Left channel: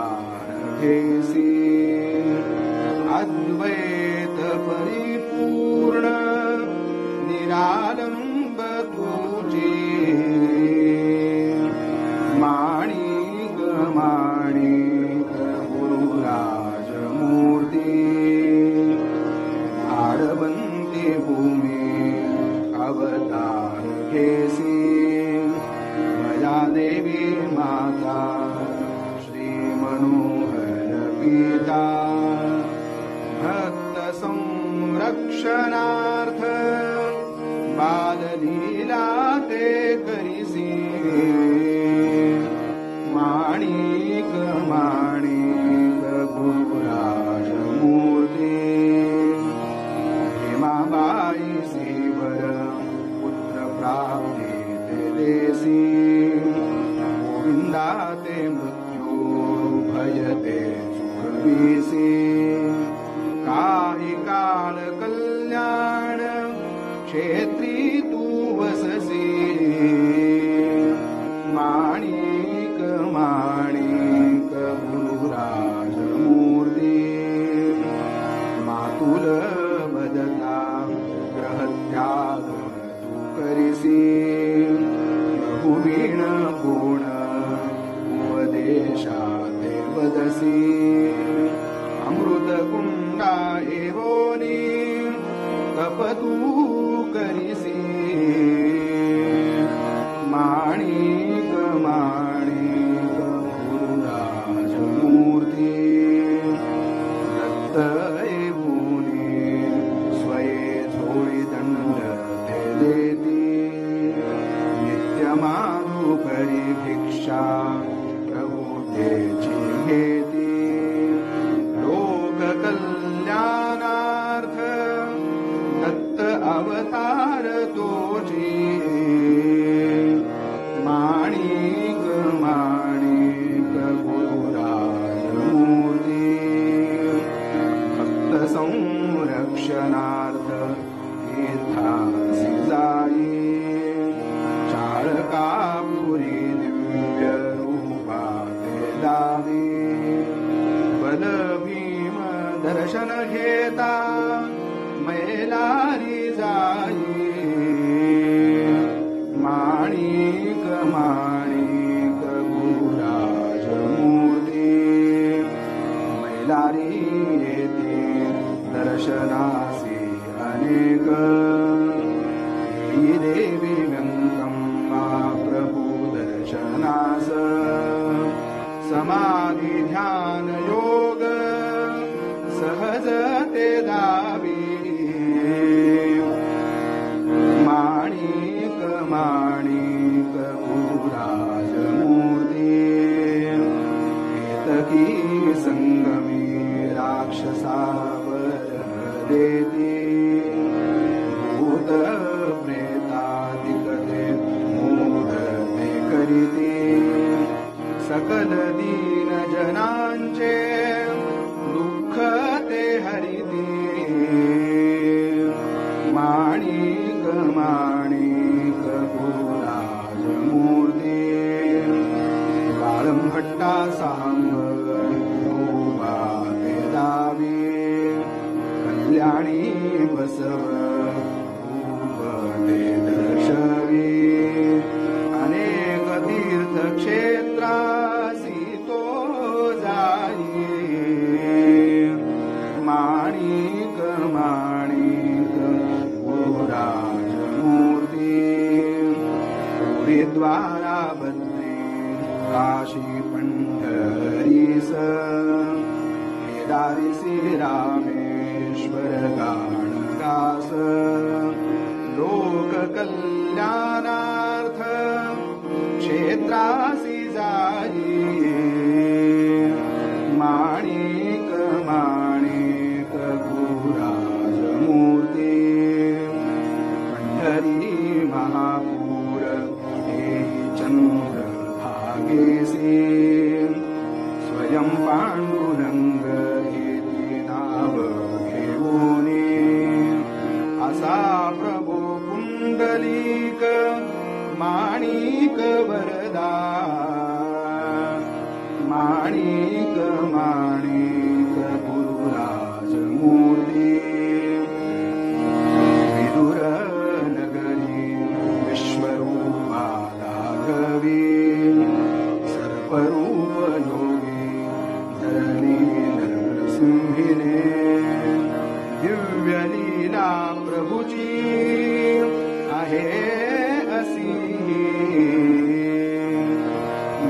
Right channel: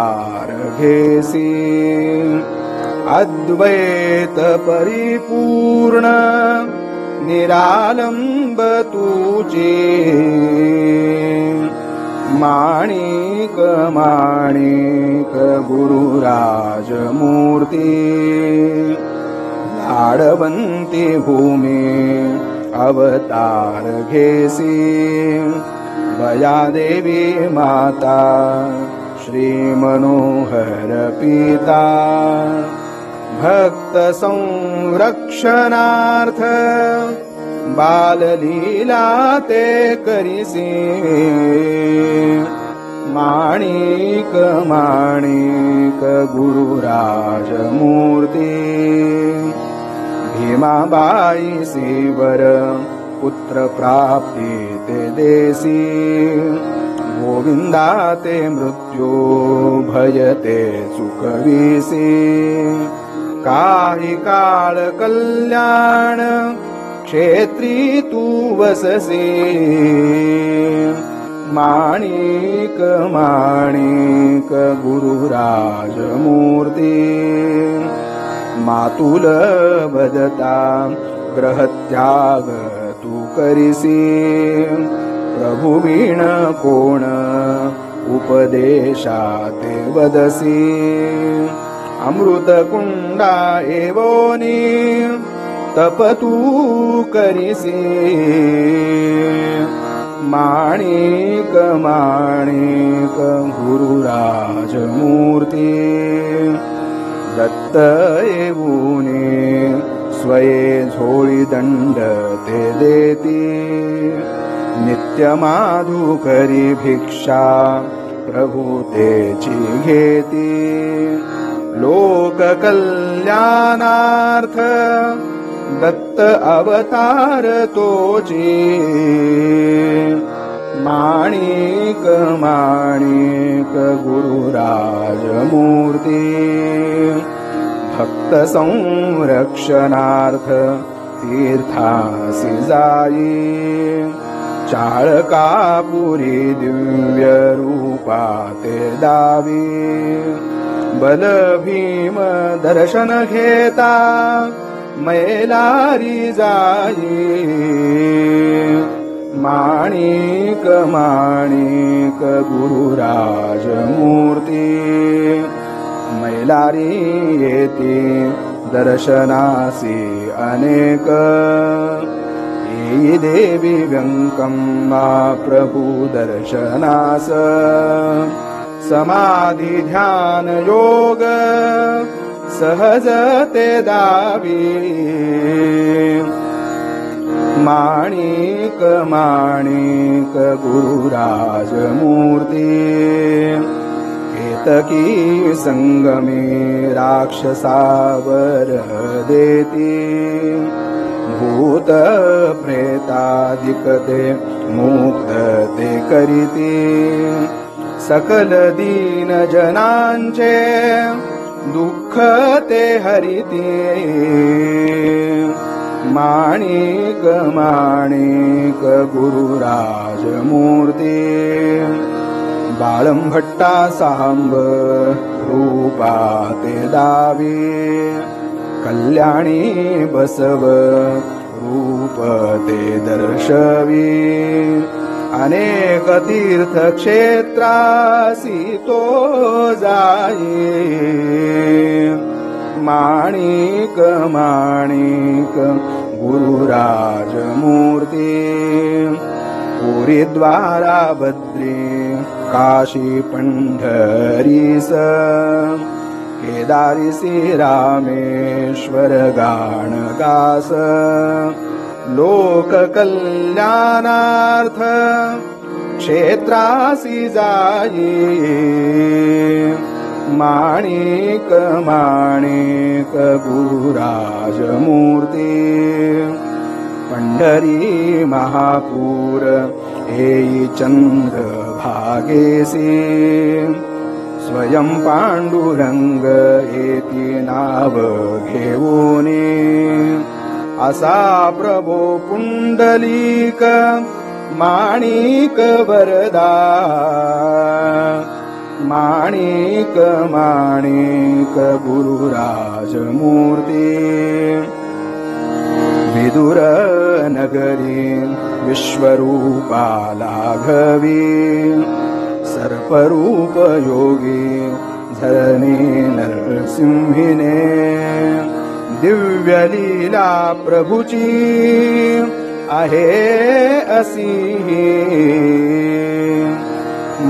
अवतार घेसी अद्वैत परिपूर्ण निरालंब तुझे माणिक माणिक गुरुराज मूर्ती लाडवंती भूमी अवतार घेसी वया देवी माता श्री मनोहर पिता भक्त संरक्षणार्थ बाललीला ते करिसी माणिक माणिक गुरुराज मूर्ती भीमाबाई सीवर पुत्र प्राप्ती ते देसी गोविंदा ते मृत्यू भयते सुखविसी काही काळ कल्याण क्षेत्री तू वससी माणिक माणिक गुरुराज मूर्ती मातुल बदता ग्रहत्याग तू करिसी प्रभुवीण कोण उपदेशाते वदसी अमृत कुंडा एवोनी तप तू करिसी माणिक माणिक गुरुराज मूर्ती दत्त येऊनी स्वये झोळी दंड ते देती नित्य माधुकरी भिक्षा प्रभु तेची घेती लोक कल्याणार्थ दत्त अवतार तोची माणिक माणिक गुरुराज मूर्ती भक्त संरक्षणार्थ तीर्थासी जाई चाळकापुरी दिव्य रूपा ते दावी बल भीम दर्शन घेता मैलारी जाई माणिक माणिक गुरुराज मूर्ती मैलारी येती दर्शनासी अनेक ही देवी व्यंकम्मा प्रभु दर्शनास समाधि ध्यान योग सहज ते दावी माणिक माणिक गुरुराज मूर्ती केतकी संगमे राक्षसावर देती भूत प्रेतादिक ते मुक्त ते करीती सकल दीन जनांचे दुःख ते हरिती माणिक माणिक गुरुराज मूर्ती बाळंभट्टा सांब रूपा ते दावी कल्याणी बसव रूप ते दर्शवी अनेक तीर्थ क्षेत्रासी तो जाई माणिक माणिक गुरुराज मूर्ती पुरी द्वारा बद्री काशी पंढरीस केदारीसी रामेश्वर गाण गास लोक कल्याणार्थ क्षेत्रासी जाई माणिक माणिक गुरुराज मूर्ती पंढरी महापूर येई चंद्र भागेसी स्वयं पांडुरंग येती नाव घेऊनी असा प्रभो पुंडलीक माणिक वरदा माणिक माणिक गुरुराज मूर्ती विदुर नगरी विश्वरूपा लाघवी सर्परूप योगी धरणी नरसिंहिने दिव्य लीला प्रभुची आहे असी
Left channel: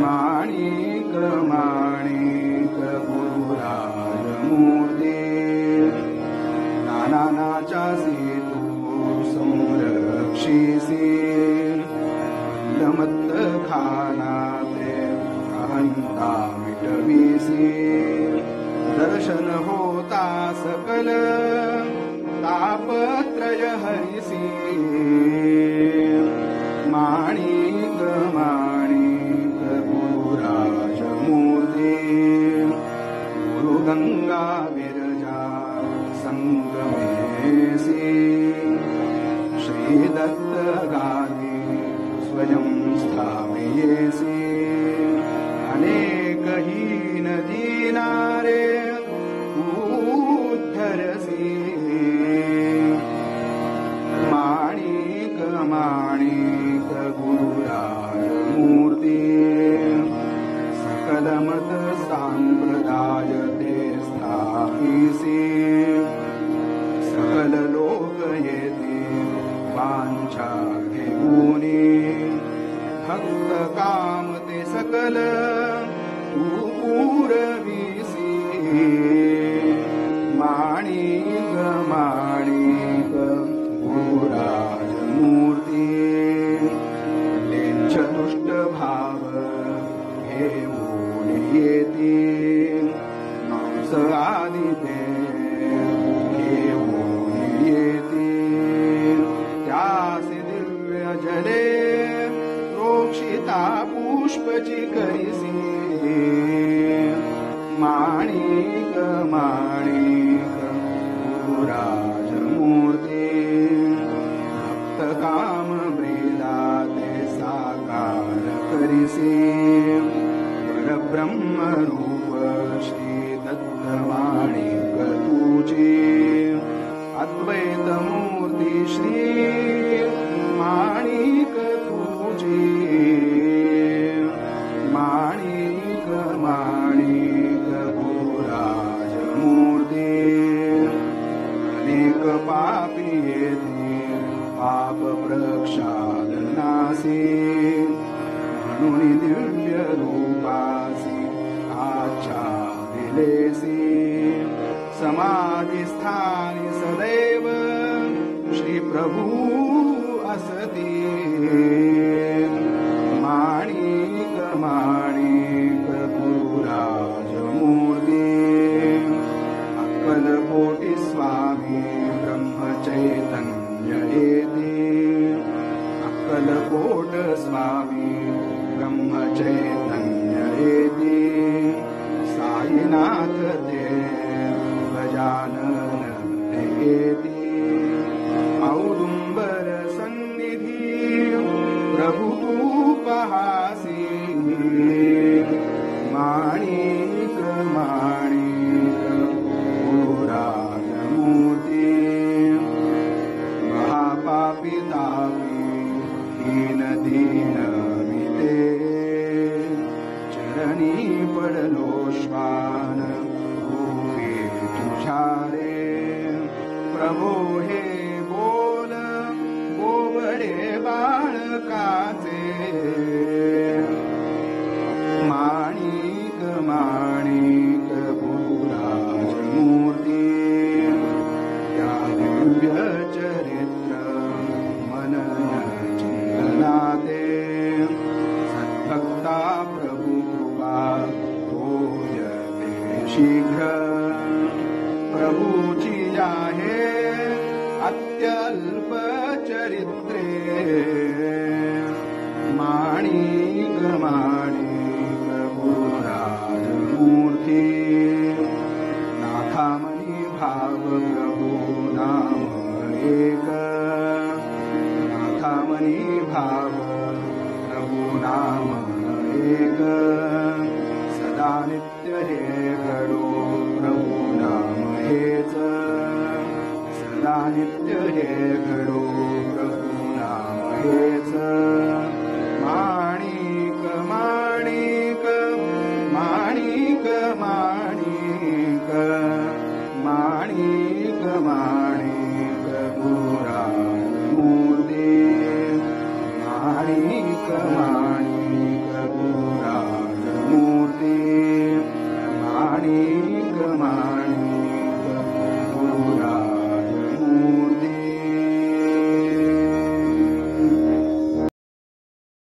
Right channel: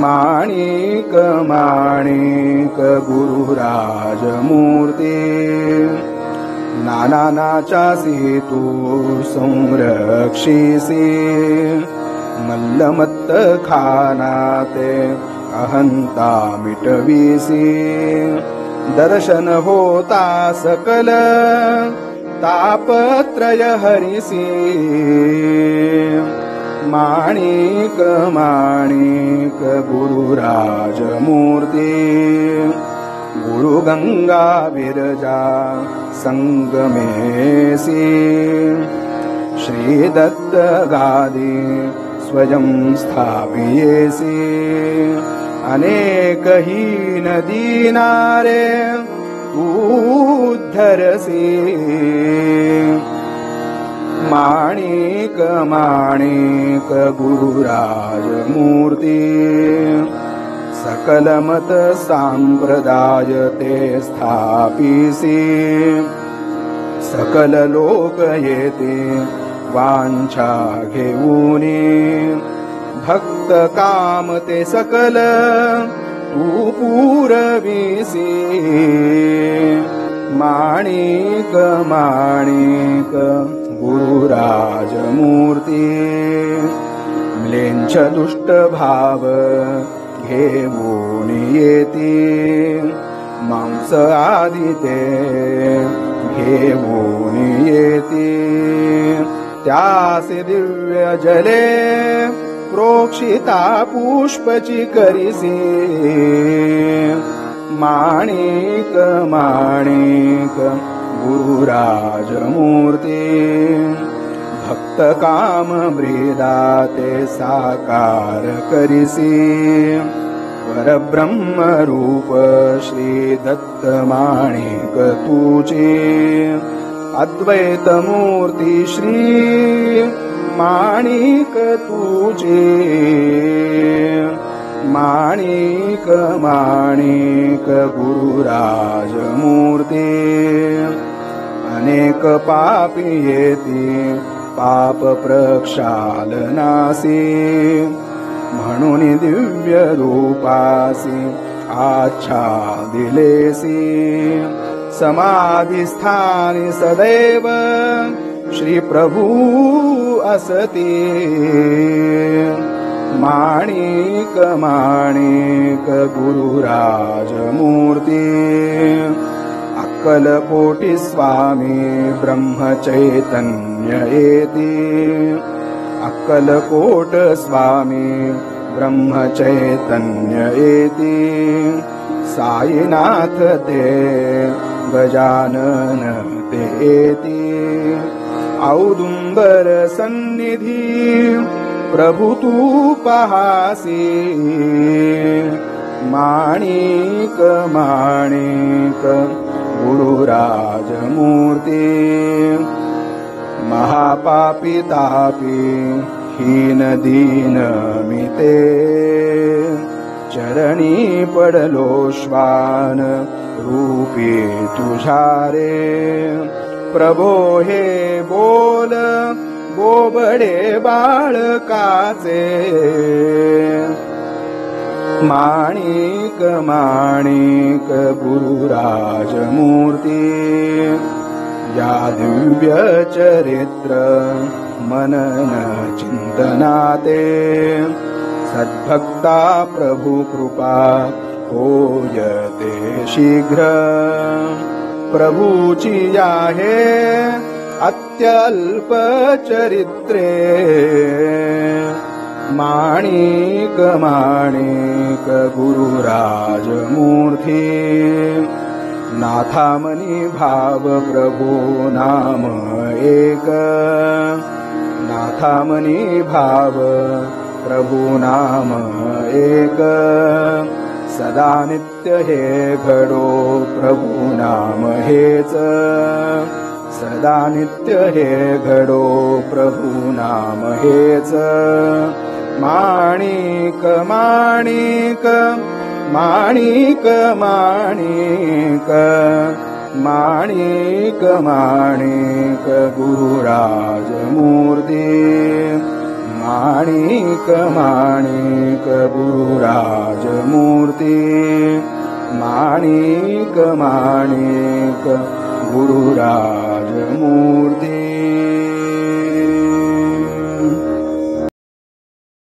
माणिक माणिक गुरुराज मूर्ती नानानाचासी तू संरक्षिसी मल्लमत्त खानाते अहंता मिटविसी दर्शन होता सकल तापत्रय हरिसी माणिक माणिक गुरुराज मूर्ती गुरुगंगा विरजा संगमेसी श्रीदत्त गादी स्वयं स्थापियेसी अनेक हीन दीनारे उद्धरसी माणिक माणिक गुरुराज मूर्ती सकल मत सांप्रदाय ते स्थापिसी सकल लोक येते वांछा घेऊनी भक्त काम ते सकल तू पुरविसी माणिक माणिक गुरुराज मूर्ती म्लेच्छ दुष्ट भाव घेऊन येती मांस आदी ते घेऊन येती त्यासे दिव्य जले प्रोक्षिता पुष्पची करिसी माणिक माणिक गुरुराज मूर्ती भक्त काम ब्रीदाते साकार करिसी परब्रह्म रूप श्री दत्त माणिक तुझे अद्वैत मूर्ती श्री माणिक तुझे माणिक माणिक गुरुराज मूर्ती अनेक पापी येती पाप प्रक्षालनासी म्हणून दिव्य रूपासी आच्छादिलेसी समाधिस्थानी सदैव श्री प्रभु असती माणिक माणिक गुरुराज मूर्ती अक्कलकोटी स्वामी ब्रह्म चैतन्य येती अक्कलकोट स्वामी ब्रह्म चैतन्य येती साईनाथ ते गजानन ते येती औदुंबर सन्निधी प्रभु तू पहासी माणिक माणिक गुरुराज मूर्ती महापापी तापी हीन दीन मिते चरणी पडलो श्वान रूपी तुझ्या रे प्रभो हे बोल बोबडे बाळकाचे माणिक माणिक गुरुराज मूर्ती या दिव्य चरित्र मनन चिंतनाते सद्भक्ता प्रभु कृपा होयते शीघ्र प्रभुची आहे अत्यल्प चरित्रे माणिक माणिक गुरुराज मूर्ती नाथामनी भाव प्रभु नाम एक नाथामनी भाव प्रभु नाम एक सदा सदा नित्य हे घडो प्रभु नाम हेच सदा नित्य हे घडो प्रभु नाम हेच माणिक माणिक माणिक माणिक माणिक माणिक गुरुराज मूर्ती माणिक माणिक गुरुराज मूर्ती माणिक माणिक गुरुराज